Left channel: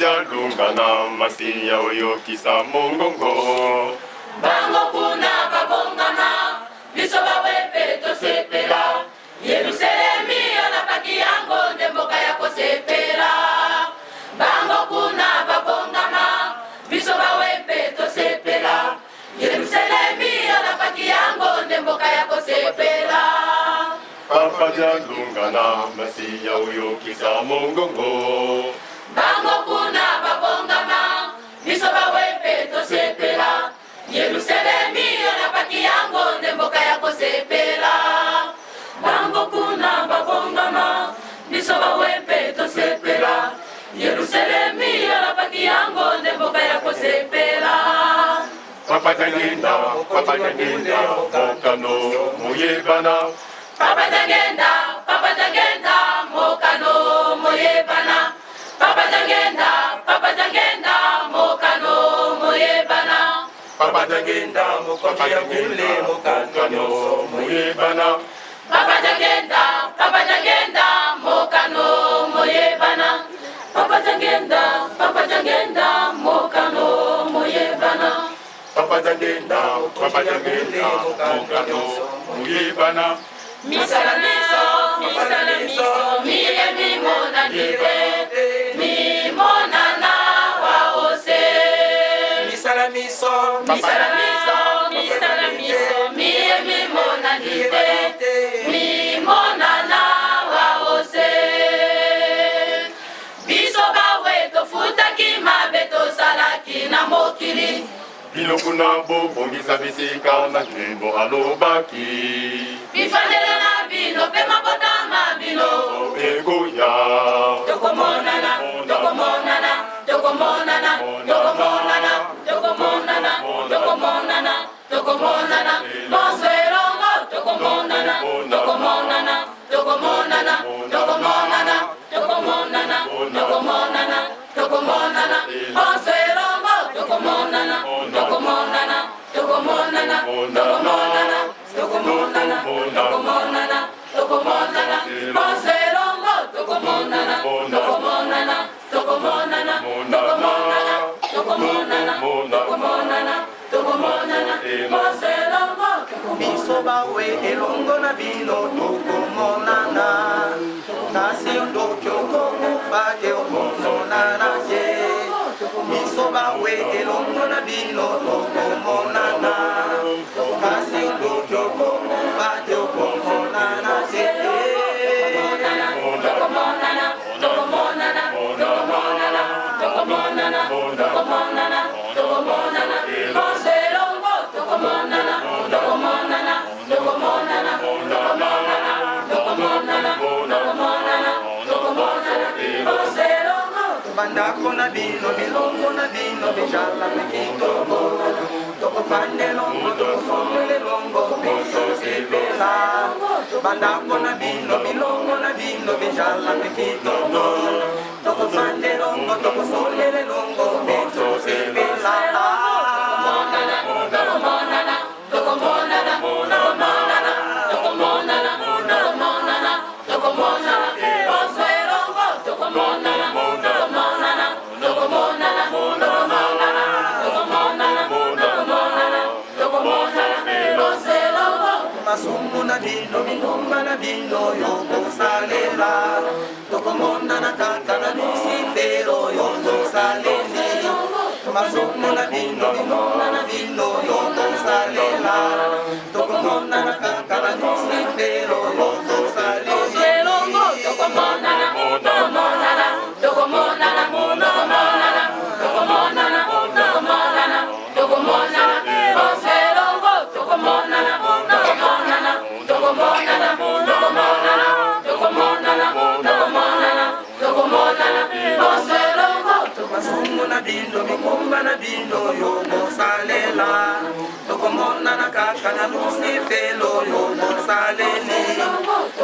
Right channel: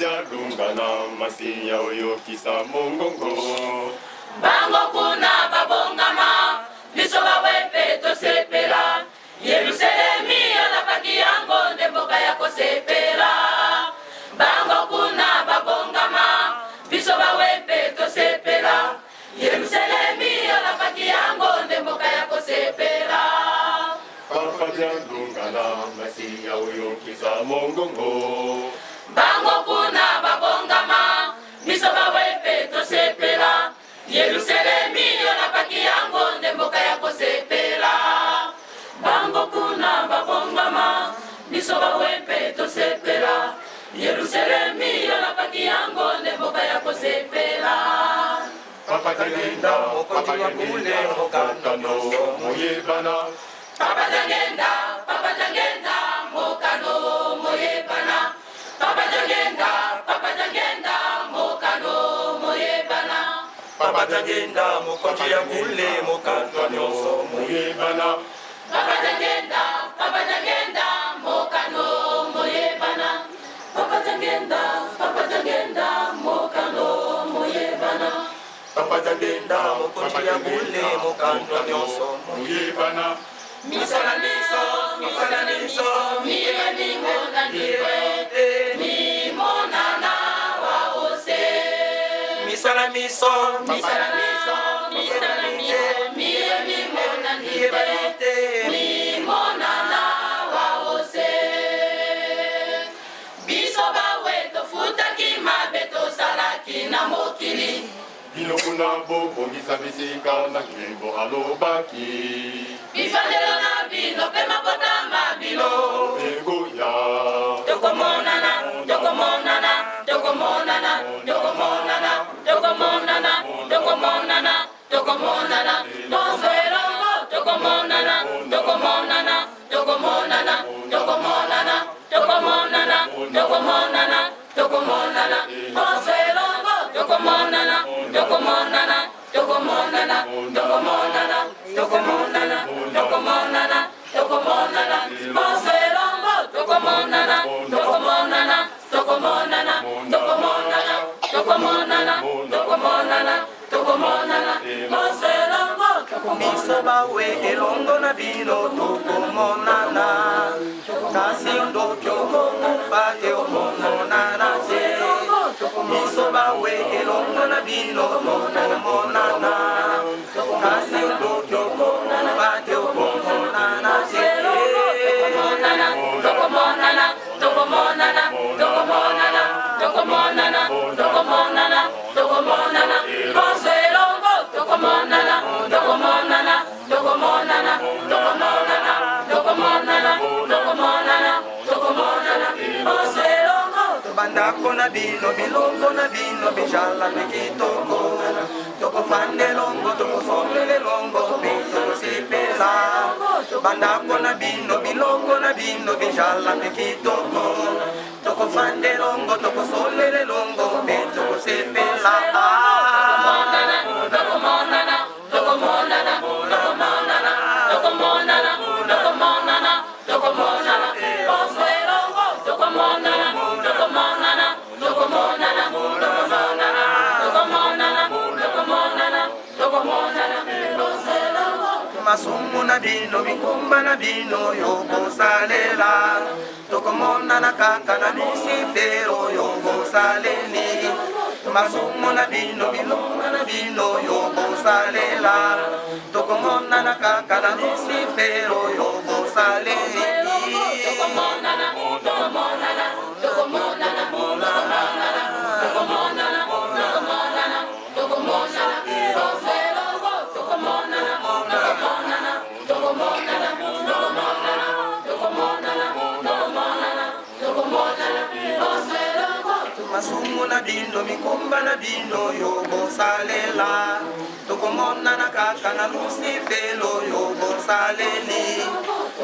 jalungana masiya uyokisa mongongo. Bango kuna babongama biso bawepe tosepela Yerusalemi alapaki yango ndemboka ya kosepela. Bango kuna babongama biso bawepe tosepela Yerusalemi alapaki yango ndemboka ya kosepela. Papa jalungana masiya uyokisa mongongo. Bango kuna babongama biso bawepe tosepela Yerusalemi alapaki yango ndemboka ya kosepela. Bango kuna babongama biso bawepe tosepela Yerusalemi alapaki yango ndemboka ya kosepela. Papa jangenda mokano moyebana. Papa jangenda mokano moyebana. Papa jangenda mokano moyebana. Papa jangenda mokonzi ya kule mokano nyonso moyebana. Papa jangenda mokano moyebana. Papa jangenda mokano moyebana. Papa jangenda mokonzi ya kule mokano nyonso moyebana. Misala miso miye mimona nite mimona na waose. Misala miso miye mimona nite mimona na waose. Biso bawe tofutaki mabe tosalaki na mokili. Biloko na bobongisa bisika malembo alobaki. Bifandelo na bino pe mabotama bino Egoya Tokomonana Bonsoirongo Tokomonana Bonsoirongo Biso bawe elongo na bino tokomonana. Nasi ondo kyoko mufate okomonana se. Biso bawe elongo na bino tokomonana. Nasi ondo kyoko mufate okomonana se. Bandako na bino, bilongo na bino, bijala na kitongo. Toko fande longo, toko somele longo, biso sipesa. Bandako na bino, bilongo na bino, bijala na kitongo. Toko fande longo, toko somele longo, biso sipesa. Masumu na dino, minumba na dino, yoko salela. Tokomona na kaka na nisifero, yoko saleli. Masumu na dino, minumba na dino, yoko salela. Tokomona na kaka na nisifero, yoko saleli. Masumu na bino, mikumba na bino, yogo salela. Tokomona na kaka na Lucifelo, yogo saleli.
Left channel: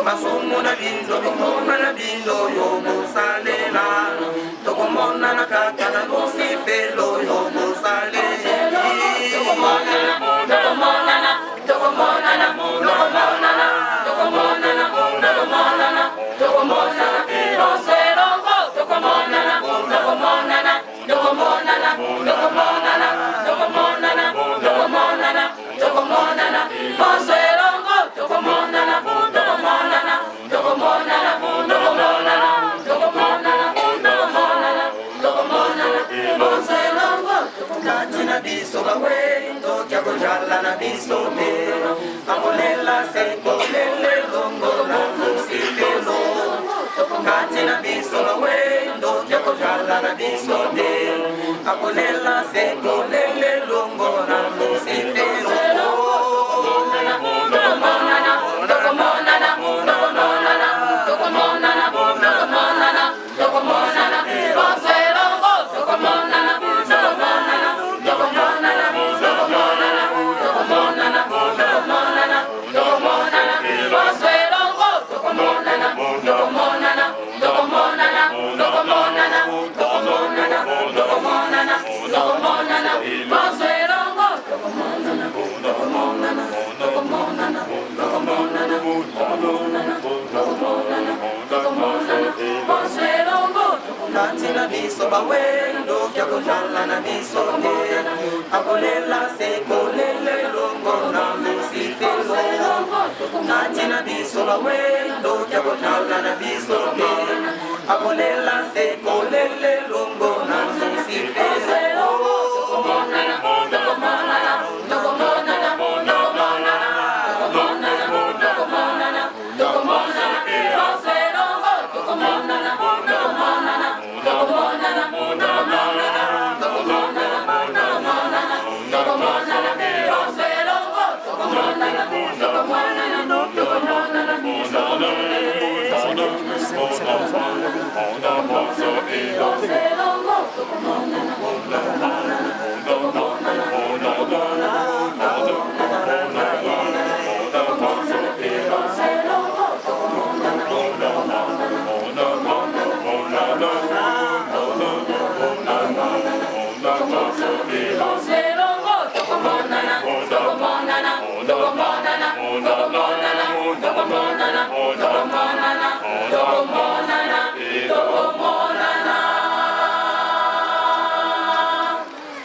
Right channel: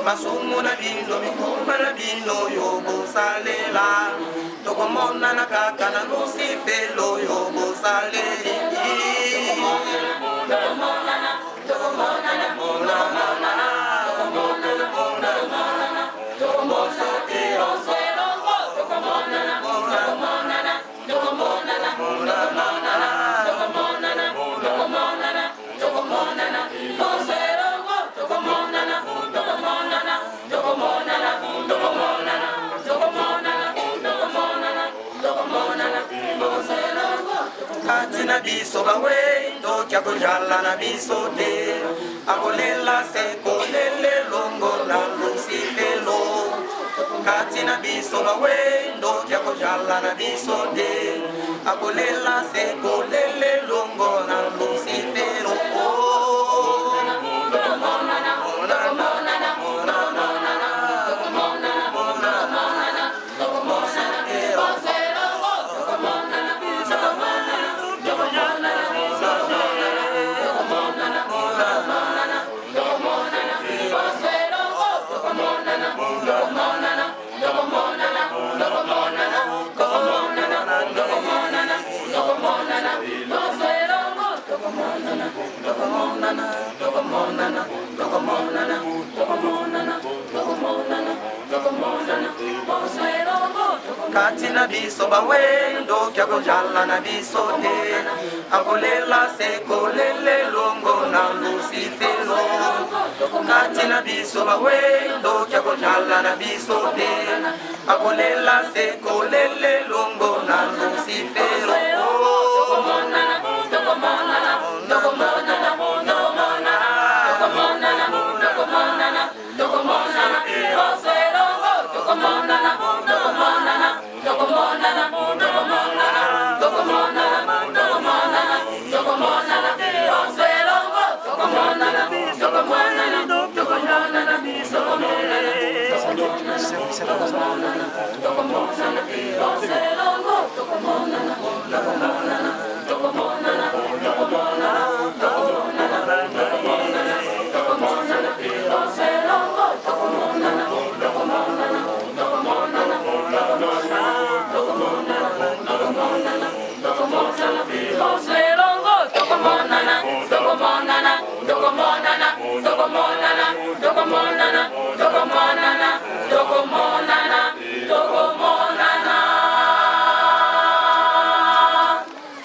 Masumu na bino, mikumba na bino, yogo salela. Tokomona na kaka na Lucifelo, yogo saleli. Tokomonana biso bawendo kyakojala na biso te akolela sekolele longo na lusifelo kati na biso bawendo kyakojala na biso te akolela sekolele longo na lusifelo kati na biso bawendo kyakojala na biso te akolela sekolele longo na lusifelo kati na biso bawendo kyakojala na biso te akolela sekolele longo na lusifelo Dokomonana,